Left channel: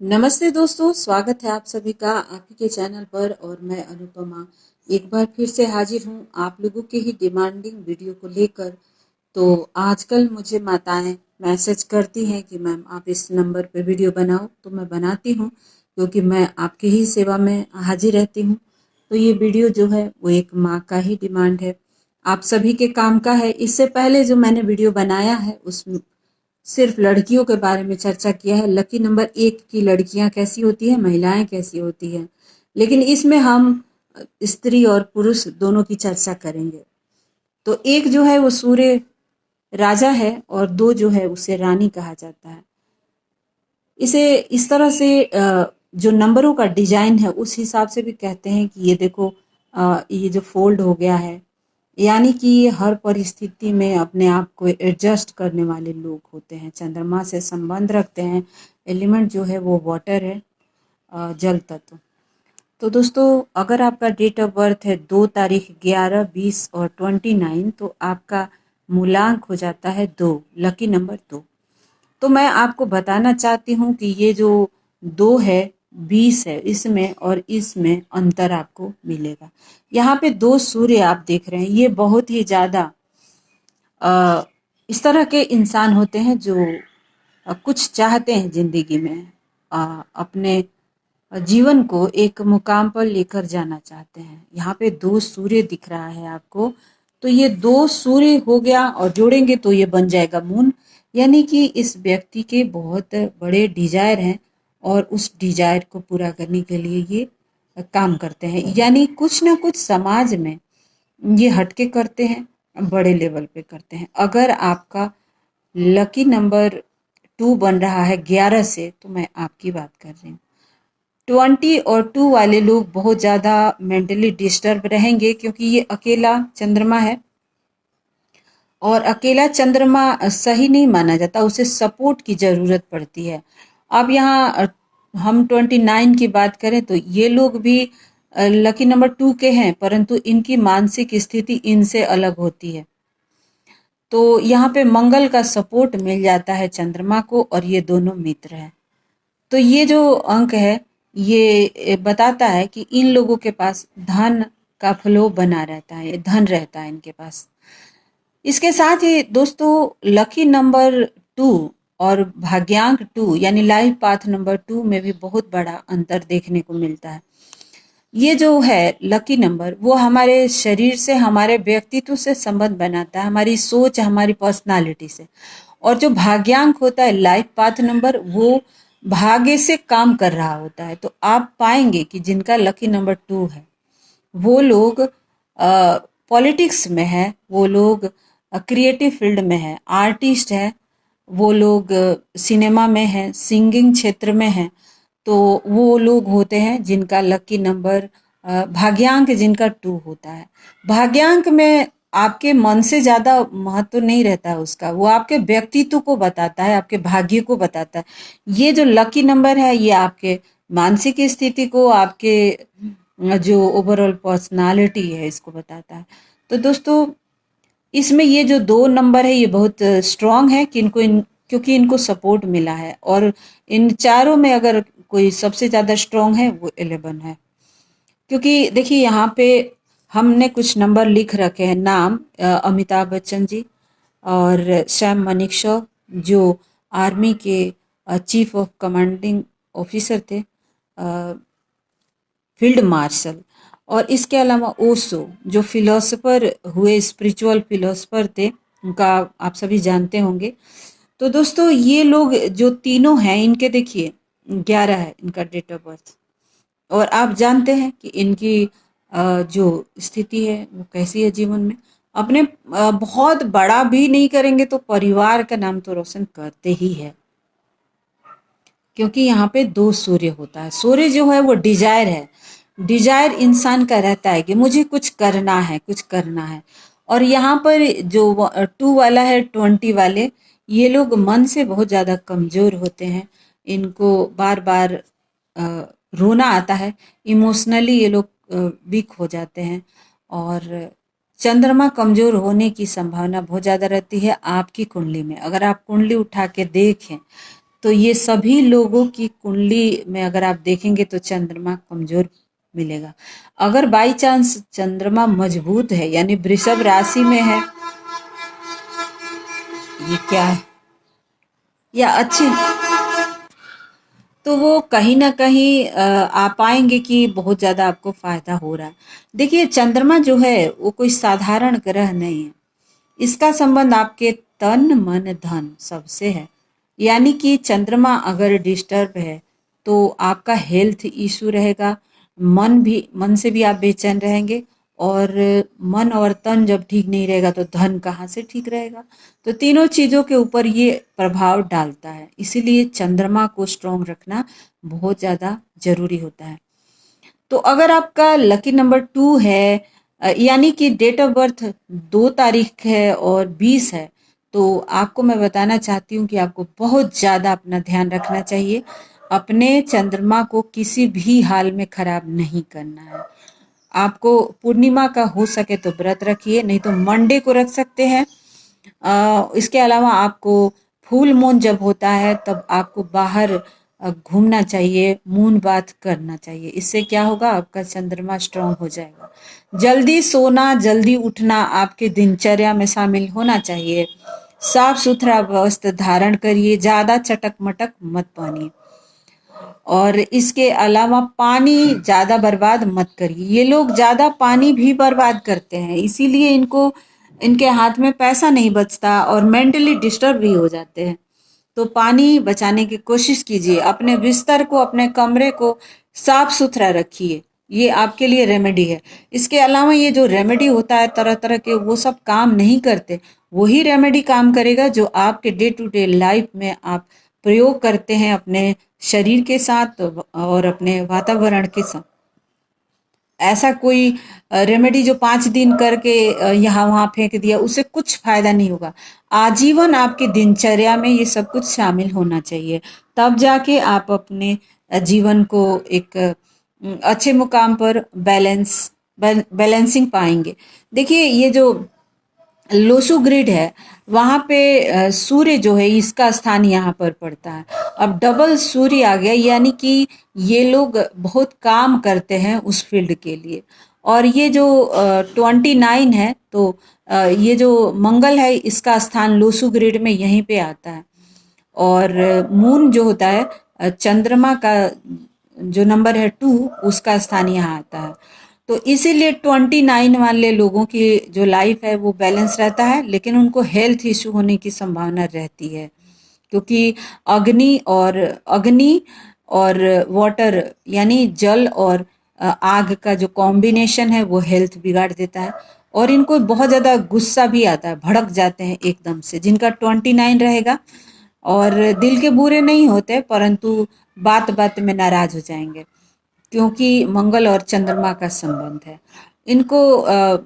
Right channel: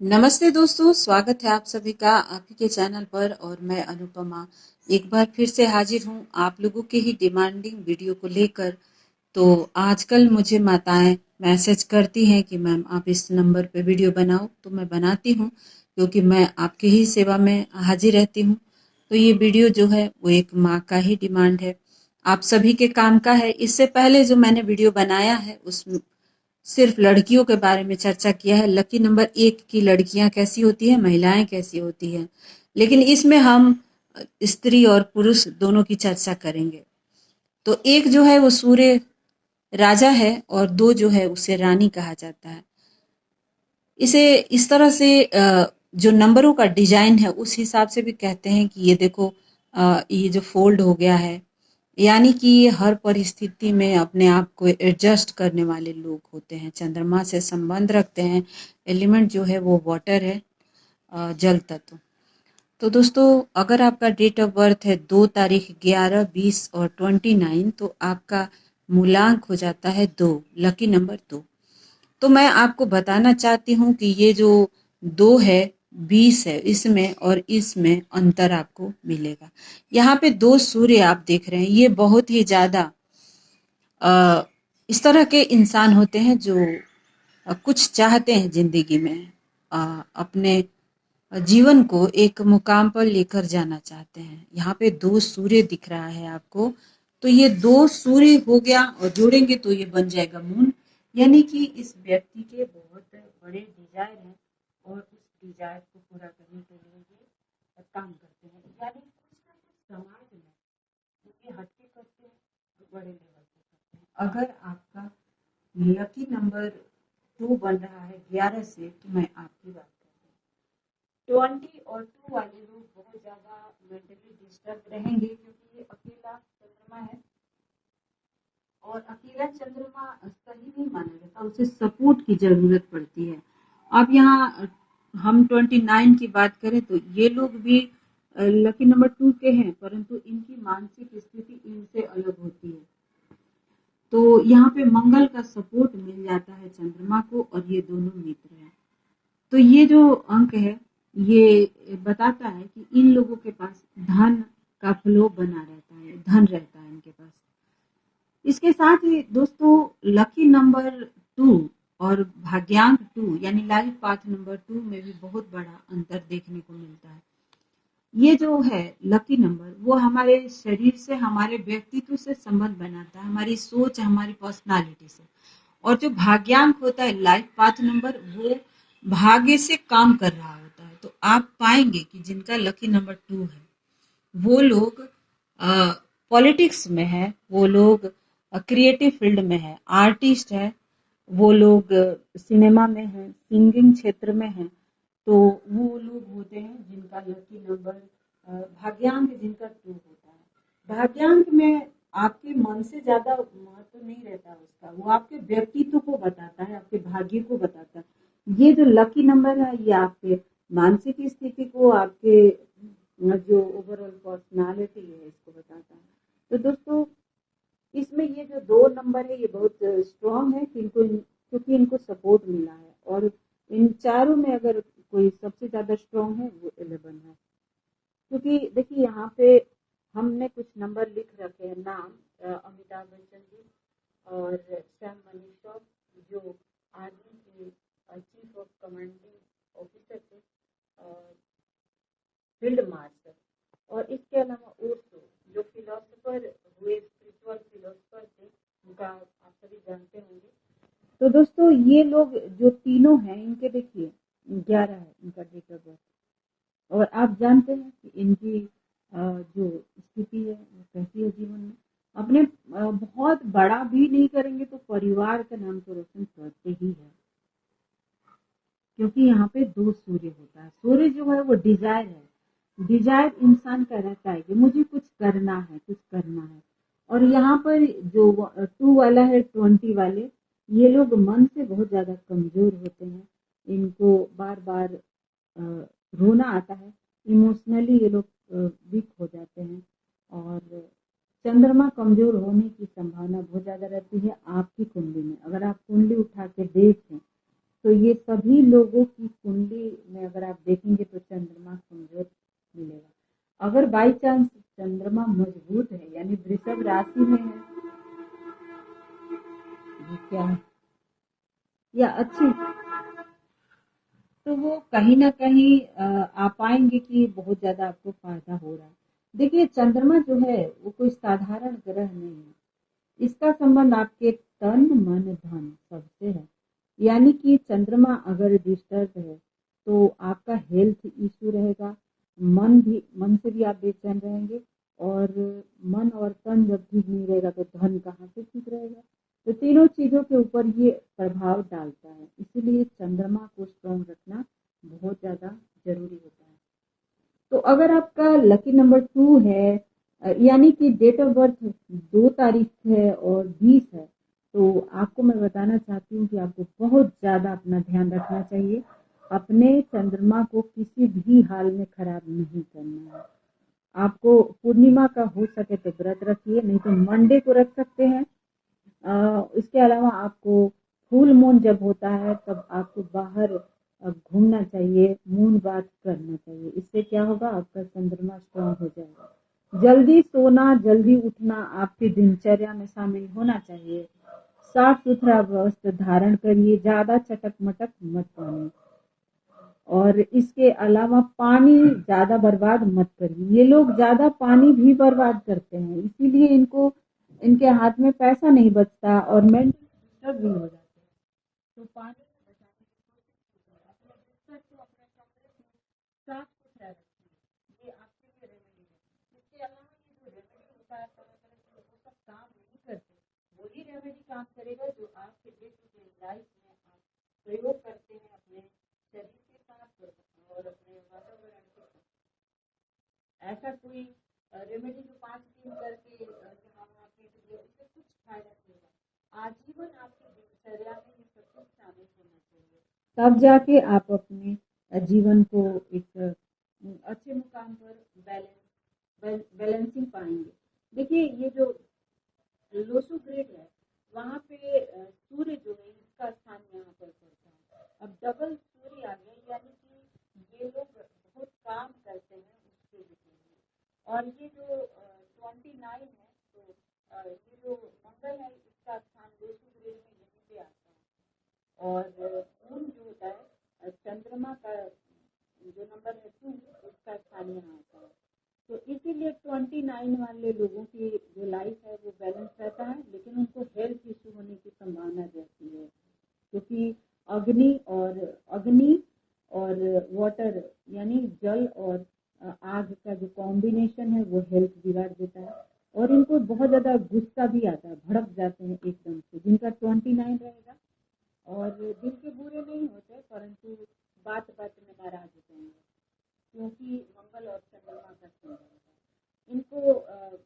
नमस्ते दोस्तों, स्वागत है आप सभी का आपके के चैनल पर। और मैं अनुपमा एक बार फिर से हाजिर हूँ आप लोगों के ही डिमांडिंग वीडियो को लेकर। तो आजकल मुझे माताएं मैसेज करती हैं कि मैम आप इस नंबर पे वीडियो बनाओ, तो मैं बनाती हूँ क्योंकि मैं आपके ही सेवा में हाजिर रहती हूँ। तो ये वीडियो जो है वो एक माँ का ही डिमांड है, आप सभी के काम का है। इससे पहले जो मैंने वीडियो बनाया है उसमें सिर्फ लड़कियों के बारे में चर्चा किया है, लकी नंबर 1 की लड़कियां कैसी होती है, महिलाएं कैसी होती हैं। लेकिन इसमें हम स्त्री और पुरुष दोनों की चर्चा करेंगे। तो एक जो है वो सूर्य राजा है और 2 जो है उसे रानी कहा जाता है। इसे इस तरह से जो नंबरों का डिजाइन है उस हिसाब से भी कहते हैं कि ये देखो, ये जो फोल्ड हो गया है, यानी कि ये हर परिस्थिति में अपने आप को एडजस्ट करने वाले लोग होते हैं। चंद्रमा से संबंध रखते हैं। एलिमेंट जो है वो वाटर है, जल तत्व। तो दोस्तों, अगर आपका डेट ऑफ बर्थ है 2 तारीख 11, 20 और 29, तो आपका मूलांक हो जाता है 2, लकी नंबर 2। तो मैं आपको बताना चाहती हूँ कि ये जो 2 है, 20 है, इसमें और इसमें अंतर आपको मिलेगा। यहाँ पे 2 सूर्य आप देख रहे हैं, ये बहुत ही ज़्यादा इस तरह के इंसान होते हैं जो कुछ चाहते हैं ज़िंदगी में, अपने जीवन को एक मुकाम पर लेकर जाना चाहते हैं। यहाँ पे 2 सूर्य दिख रहा है आपको, तो ये 2 सूर्य हो गया और जोड़ेंगे तो ये बन जाएगा मून। यानी कि इस व्यक्ति के बहुत बड़े डिजायर हैं और उस डिजायर को पूरा करने के लिए ये काम करते हैं। यानी कुछ ना कुछ समाज में ये हटके करते हैं, बड़े लेवल पे करते हैं। अगर आपका लकी नंबर 2 बन रहा है 11 से, तो मैं आपकी बात कर रही हूँ। 20 और 2 वाले लोग बहुत ज़्यादा मेंटली डिस्टर्ब रहेंगे क्योंकि ये अकेला चंद्रमा है और अकेला चंद्रमा सही नहीं माना जाता, उसे सपोर्ट की ज़रूरत पड़ती है। अब यहाँ हम 29 की बात करें तो ये लोग भी लकी नंबर 2 के हैं, परंतु इनकी मानसिक स्थिति इनसे अलग होती है। तो यहाँ पे मंगल का सपोर्ट मिल जाता है चंद्रमा को और ये दोनों मित्र हैं। तो ये जो अंक है ये बताता है कि इन लोगों के पास धन का फ्लो बना रहता है, धन रहता है इनके पास। इसके साथ ही दोस्तों, लकी नंबर 2 और भाग्यांक 2 यानी लाइफ पाथ नंबर 2 में भी बहुत बड़ा अंतर देखने को मिलता है। ये जो है लकी नंबर, वो हमारे शरीर से, हमारे व्यक्तित्व से संबंध बनाता है, हमारी सोच, हमारी पर्सनालिटी से। और जो भाग्यांक होता है, लाइफ पाथ नंबर, वो भाग्य से काम कर रहा होता है। तो आप पाएंगे कि जिनका लकी नंबर 2 है वो लोग पॉलिटिक्स में है, वो लोग क्रिएटिव फील्ड में है, आर्टिस्ट है, वो लोग सिनेमा में है, सिंगिंग क्षेत्र में है। तो वो लोग होते हैं जिनका लकी नंबर भाग्यांक जिनका 2 होता है। भाग्यांक में आपके मन से ज़्यादा महत्व नहीं रहता है उसका, वो आपके व्यक्तित्व को बताता है, आपके भाग्य को बताता है। ये जो लकी नंबर है ये आपके मानसिक स्थिति को, आपके जो ओवरऑल पर्सनालिटी है इसको बताता है। तो दोस्तों, इसमें ये जो 2 नंबर है ये बहुत स्ट्रांग है कि क्योंकि इनको सपोर्ट मिला है। और इन चारों में अगर कोई सबसे ज़्यादा स्ट्रांग है वो 11 है। क्योंकि देखिए यहाँ पे हमने कुछ नंबर लिख रखे हैं। नाम अमिताभ बच्चन जी और सैम मनिकशॉ, जो आर्मी के चीफ ऑफ कमांडिंग ऑफिसर थे, फील्ड मार्शल। और इसके अलावा ओशो, जो फिलोसोफर हुए, स्पिरिचुअल फिलोसोफर थे, उनका आप सभी जानते होंगे। तो दोस्तों, ये लोग जो तीनों हैं, इनके देखिए 11 है इनका डेट ऑफ बर्थ। और आप जानते हैं कि इनकी जो स्थिति है वो कैसी है जीवन में। अपने बहुत बड़ा भी नहीं करेंगे तो परिवार का नाम तो रोशन करते ही है, क्योंकि यहाँ पे 2 सूर्य होता है। सूर्य जो है वो डिजायर है, डिजायर इंसान का रहता है कि मुझे कुछ करना है, कुछ करना है। और यहाँ पर जो 2 वाला है, 20 वाले, ये लोग मन से बहुत ज़्यादा कमज़ोर होते हैं। इनको बार बार रोना आता है, इमोशनली ये लोग वीक हो जाते हैं। और चंद्रमा कमज़ोर होने की संभावना बहुत ज़्यादा रहती है आपकी कुंडली में। अगर आप कुंडली उठा के देखें तो ये सभी लोगों की कुंडली में अगर आप देखेंगे तो चंद्रमा कमजोर मिलेगा। अगर बाई चांस चंद्रमा मजबूत है यानी वृषभ राशि में है, ये क्या है, या अच्छी, तो वो कहीं ना कहीं आप पाएंगे कि बहुत ज्यादा आपको फायदा हो रहा है। देखिए चंद्रमा जो है वो कोई साधारण ग्रह नहीं है। इसका संबंध आपके तन मन धन सबसे है। यानी कि चंद्रमा अगर डिस्टर्ब है तो आपका हेल्थ इशू रहेगा, मन से भी आप बेचैन रहेंगे, और मन और तन जब ठीक नहीं रहेगा तो धन कहाँ से ठीक रहेगा। तो तीनों चीजों के ऊपर ये प्रभाव डालता है, इसीलिए चंद्रमा को स्ट्रॉन्ग रखना बहुत ज्यादा जरूरी होता है। तो अगर आपका लकी नंबर 2 है, यानी कि डेट ऑफ बर्थ 2 तारीख है और 20 है, तो आपको मैं बताना चाहती हूँ कि आपको बहुत ज़्यादा अपना ध्यान रखना चाहिए। अपने चंद्रमा को किसी भी हाल में खराब नहीं करना है। आपको पूर्णिमा का हो सके तो व्रत रखिए, नहीं तो मंडे को रख सकते हैं। इसके अलावा आपको फुल मून जब होता है तब आपको बाहर घूमना चाहिए, मून बाथ करना चाहिए। इससे क्या होगा, आपका चंद्रमा स्ट्रांग हो जाएगा। जल्दी सोना जल्दी उठना आपके दिनचर्या में शामिल होना चाहिए। साफ सुथरा वस्त्र धारण करिए, ज्यादा चटक मटक मत पहनिए, और इसके अलावा पानी ज्यादा बर्बाद मत करिए। ये लोग ज्यादा पानी भी बर्बाद करते हैं, इसीलिए इनके हाथ में पैसा नहीं बचता और मेंटली डिस्टर्ब भी हो जाते हैं। तो पानी बचाने की कोशिश कीजिए, अपने बिस्तर को, अपने कमरे को साफ सुथरा रखिए। ये आपके लिए रेमेडी है। इसके अलावा ये जो रेमेडी होता है तरह तरह के, वो सब काम नहीं करते। वही रेमेडी काम करेगा जो आपके डे टू डे लाइफ में आप प्रयोग करते हैं अपने शरीर के साथ और अपने वातावरण के साथ। ऐसा कोई रेमेडी जो 5 दिन करके यहाँ वहाँ फेंक दिया, उससे कुछ फायदा नहीं होगा। आजीवन आपकी दिनचर्या में ये सब कुछ शामिल होना चाहिए, तब जाके आप अपने जीवन को एक अच्छे मुकाम पर बैलेंसिंग पाएंगे। देखिए ये जो लोसू ग्रिड है, वहां पे सूर्य जो है इसका स्थान यहाँ पर पड़ता है। अब डबल सूर्य आ गया, यानी कि ये लोग बहुत काम करते हैं उस फील्ड के लिए। और ये जो 29 है, तो ये जो मंगल है इसका स्थान लोसू ग्रिड में यहीं पे आता है। और मून जो होता है, चंद्रमा का जो नंबर है 2, उसका स्थान यहाँ आता है। तो इसीलिए 29 वाले लोगों की जो लाइफ है वो बैलेंस रहता है, लेकिन उनको हेल्थ इशू होने की संभावना रहती है, क्योंकि अग्नि और वाटर यानी जल और आग का जो कॉम्बिनेशन है वो हेल्थ बिगाड़ देता है। और इनको बहुत ज़्यादा गुस्सा भी आता है, भड़क जाते हैं एकदम से, जिनका 29 रहेगा। और दिल के बुरे नहीं होते, परंतु बात बात में नाराज हो जाएंगे, क्योंकि मंगल और चंद्रमा का संबंध है। इनको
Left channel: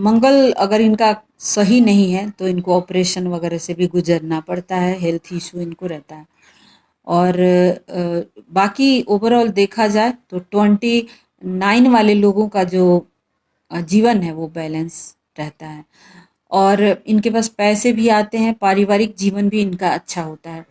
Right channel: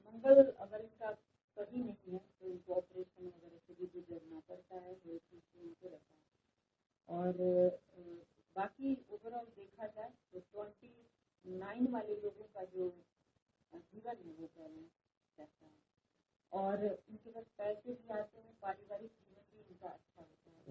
मंगल अगर इनका सही नहीं है तो इनको ऑपरेशन वगैरह से भी गुजरना पड़ता है, हेल्थ इशू इनको रहता है। और बाकी ओवरऑल देखा जाए तो 29 वाले लोगों का जो जीवन है वो बैलेंस रहता है, और इनके पास पैसे भी आते हैं, पारिवारिक जीवन भी इनका अच्छा होता है।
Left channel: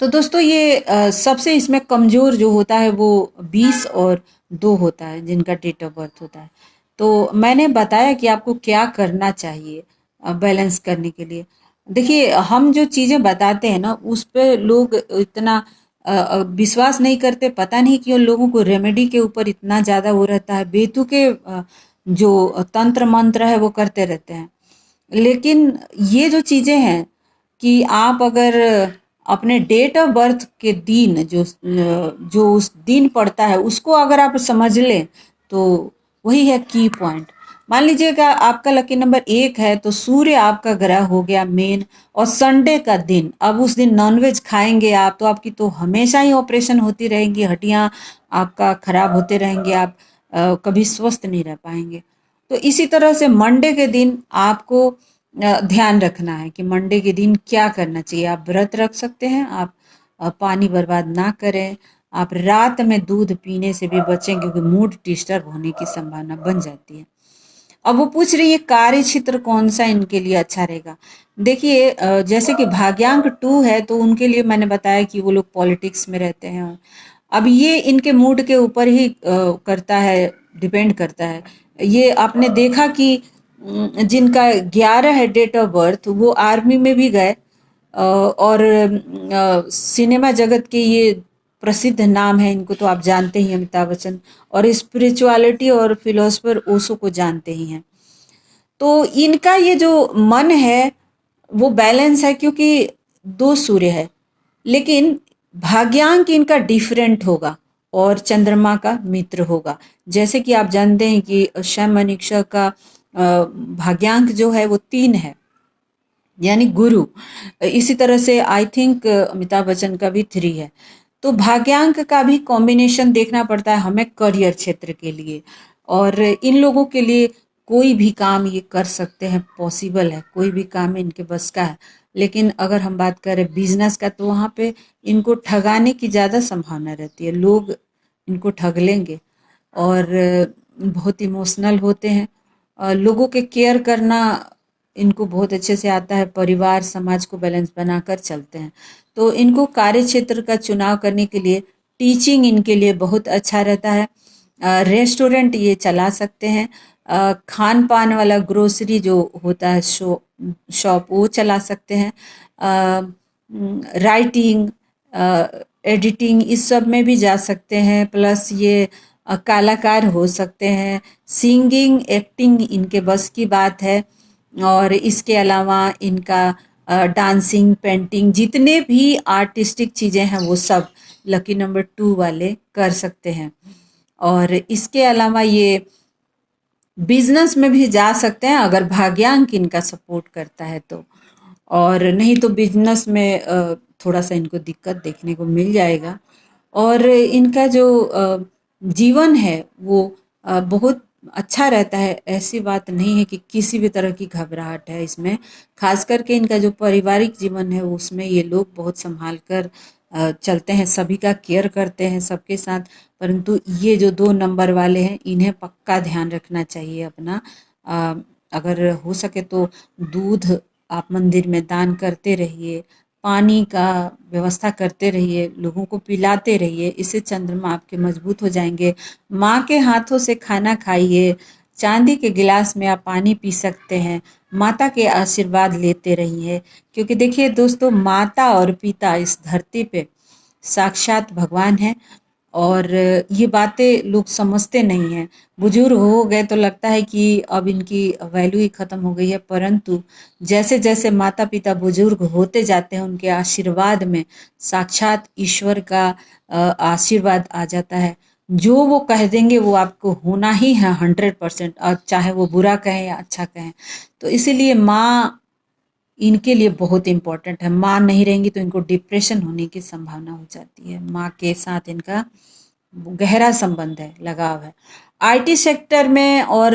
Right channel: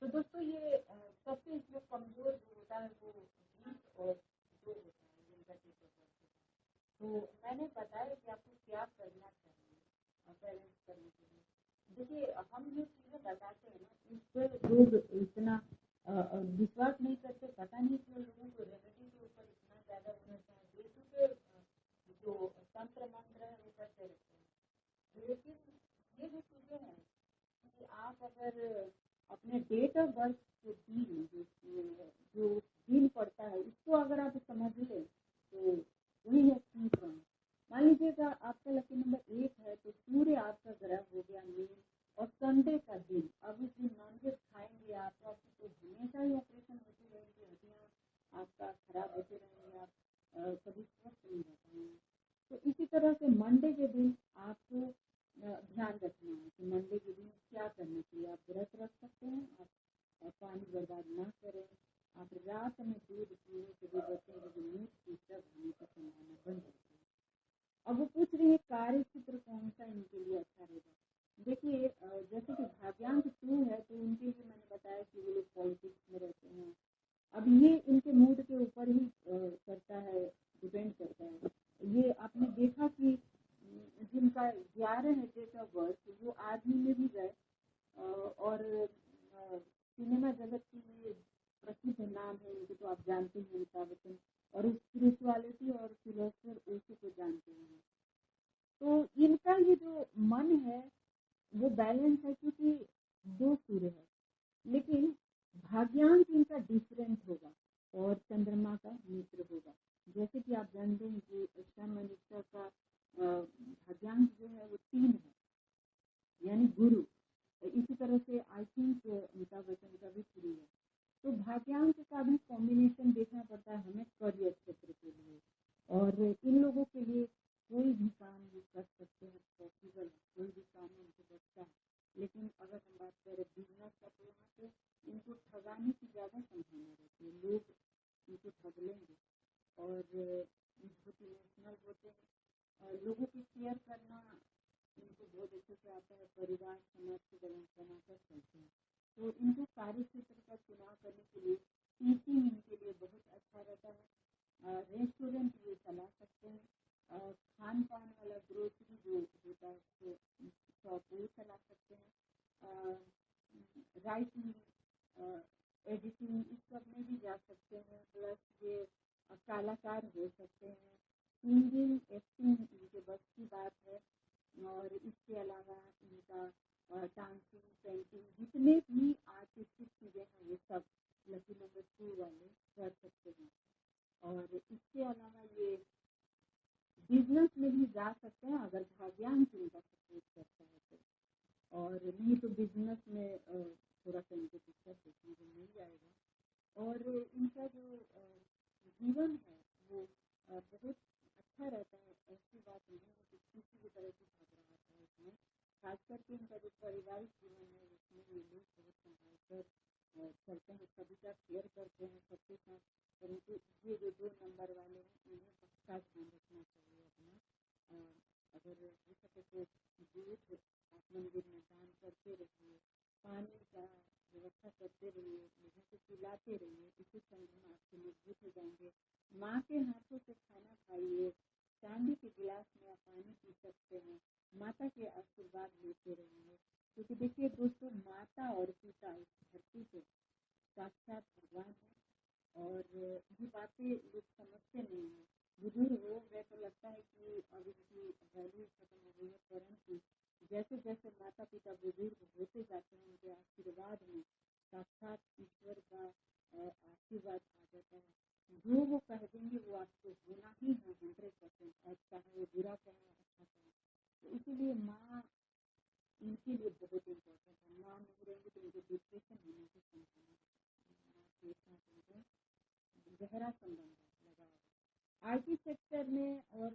तो दोस्तों ये सबसे इसमें कमज़ोर जो होता है वो 20 और 2 होता है, जिनका डेट ऑफ बर्थ होता है। तो मैंने बताया कि आपको क्या करना चाहिए बैलेंस करने के लिए। देखिए हम जो चीज़ें बताते हैं ना उस पे लोग इतना विश्वास नहीं करते। पता नहीं क्यों लोगों को रेमेडी के ऊपर इतना ज़्यादा वो रहता है, बेतुके जो तंत्र मंत्र है वो करते रहते हैं। लेकिन ये जो चीज़ें हैं कि आप अगर अपने डेट ऑफ बर्थ के दिन जो उस दिन पड़ता है उसको अगर आप समझ लें तो वही है की पॉइंट। मान लीजिएगा आपका लकी नंबर 1 है, तो सूर्य आपका ग्रह हो गया मेन, और संडे का दिन, अब उस दिन नॉनवेज खाएंगे आप तो आपकी तो हमेशा ही ऑपरेशन होती रहेंगी, हड्डियां आपका खराब होते रहेंगे, आप कभी स्वस्थ नहीं रह पाएंगे। तो इसी तरह से मंडे के दिन आपको ध्यान रखना है कि मंडे के दिन क्या करना चाहिए। आप व्रत रख सकते हैं, आप पानी बर्बाद ना करें, आप रात में दूध पीने से भी बचें, क्योंकि मूड डिस्टर्ब होने की संभावना बन जाती है। अब वो पूछ रही है कार्य क्षेत्र कौन सा इनके लिए अच्छा रहेगा। देखिए जैसे कि भाग्यांक 2 है तो उनके लिए मैंने बताया कि वो लोग पॉलिटिक्स में रहते हैं। अब ये इनके मूड के ऊपर ही करता है, डिपेंड करता है। ये आपने देखा कि जिनका 11 है डेट ऑफ बर्थ वो आर्मी में भी गए, और सिनेमा जगत के ये प्रसिद्ध नाम है, इनको तो आप जानते ही हैं, अमिताभ बच्चन। और स्पिरिचुअलिटी और फिलोसफर ओशो को जानते ही हैं। तो इनका ये जो मन है वो बैलेंस है, क्योंकि 2 सूर्य है। लेकिन भाग्यांक इनका डिफरेंट होगा और चंद्रमा का मित्र होगा। जैसे कि आप जानते हैं कि शय मनीषा का भाग्यांक जो है वो 3 है, यानी गुरु। इसी तरह से आई थिंक अमिताभ बच्चन का भी 3 है। तो भाग्यांक का भी कॉम्बिनेशन देखना पड़ता है हमें करियर क्षेत्र के लिए। और इन लोगों के लिए कोई भी काम ये कर सकते हैं, पॉसिबल है, कोई भी काम इनके बस का है। लेकिन अगर हम बात करें बिजनेस का तो वहाँ पे इनको ठगाने की ज़्यादा संभावना रहती है, लोग इनको ठग लेंगे। और बहुत इमोशनल होते हैं, लोगों के केयर करना इनको बहुत अच्छे से आता है, परिवार समाज को बैलेंस बनाकर चलते हैं। तो इनको कार्य क्षेत्र का चुनाव करने के लिए टीचिंग इनके लिए बहुत अच्छा रहता है। रेस्टोरेंट ये चला सकते हैं, खान पान वाला ग्रोसरी जो होता है शॉप वो चला सकते हैं। राइटिंग, एडिटिंग इस सब में भी जा सकते हैं। प्लस ये कलाकार हो सकते हैं, सिंगिंग एक्टिंग इनके बस की बात है। और इसके अलावा इनका डांसिंग पेंटिंग जितने भी आर्टिस्टिक चीज़ें हैं वो सब लकी नंबर 2 वाले कर सकते हैं। और इसके अलावा ये बिजनेस में भी जा सकते हैं अगर भाग्यांक इनका सपोर्ट करता है तो। और नहीं तो बिजनेस में थोड़ा सा इनको दिक्कत देखने को मिल जाएगा। और इनका जो जीवन है वो बहुत अच्छा रहता है। ऐसी बात नहीं है कि किसी भी तरह की घबराहट है इसमें। खास करके इनका जो पारिवारिक जीवन है उसमें ये लोग बहुत संभाल कर चलते हैं, सभी का केयर करते हैं सबके साथ। परंतु ये जो 2 नंबर वाले हैं इन्हें पक्का ध्यान रखना चाहिए अपना। अ, अगर हो सके तो दूध आप मंदिर में दान करते रहिए, पानी का व्यवस्था करते रहिए, लोगों को पिलाते रहिए, इससे चंद्रमा आपके मजबूत हो जाएंगे। माँ के हाथों से खाना खाइए, चांदी के गिलास में आप पानी पी सकते हैं, माता के आशीर्वाद लेते रहिए। क्योंकि देखिए दोस्तों, माता और पिता इस धरती पे साक्षात भगवान है। और ये बातें लोग समझते नहीं हैं। बुजुर्ग हो गए तो लगता है कि अब इनकी वैल्यू ही खत्म हो गई है, परंतु जैसे जैसे माता पिता बुजुर्ग होते जाते हैं उनके आशीर्वाद में साक्षात ईश्वर का आशीर्वाद आ जाता है। जो वो कह देंगे वो आपको होना ही है 100%, और चाहे वो बुरा कहें या अच्छा कहें। तो इसीलिए माँ इनके लिए बहुत इम्पोर्टेंट है। माँ नहीं रहेंगी तो इनको डिप्रेशन होने की संभावना हो जाती है। माँ के साथ इनका गहरा संबंध है, लगाव है। आईटी सेक्टर में और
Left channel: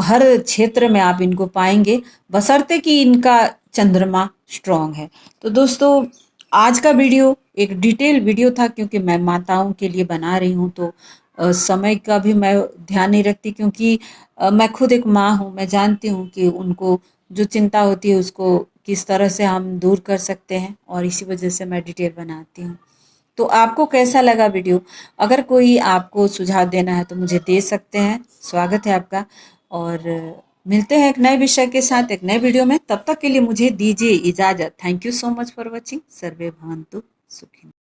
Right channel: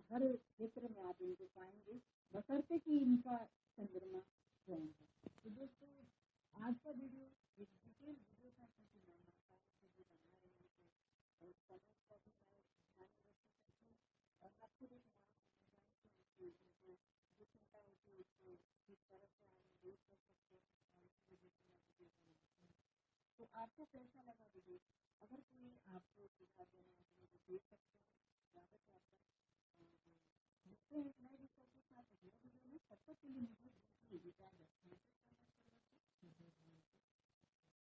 हर क्षेत्र में आप इनको पाएंगे, बशर्ते कि इनका चंद्रमा स्ट्रांग है। तो दोस्तों, आज का वीडियो एक डिटेल वीडियो था, क्योंकि मैं माताओं के लिए बना रही हूँ तो समय का भी मैं ध्यान नहीं रखती, क्योंकि मैं खुद एक माँ हूँ। मैं जानती हूँ कि उनको जो चिंता होती है उसको किस तरह से हम दूर कर सकते हैं, और इसी वजह से मैं डिटेल बनाती हूँ। तो आपको कैसा लगा वीडियो? अगर कोई आपको सुझाव देना है तो मुझे दे सकते हैं, स्वागत है आपका। और मिलते हैं एक नए विषय के साथ एक नए वीडियो में। तब तक के लिए मुझे दीजिए इजाज़त। Thank you so much for watching. सर्वे भवन्तु सुखिनः।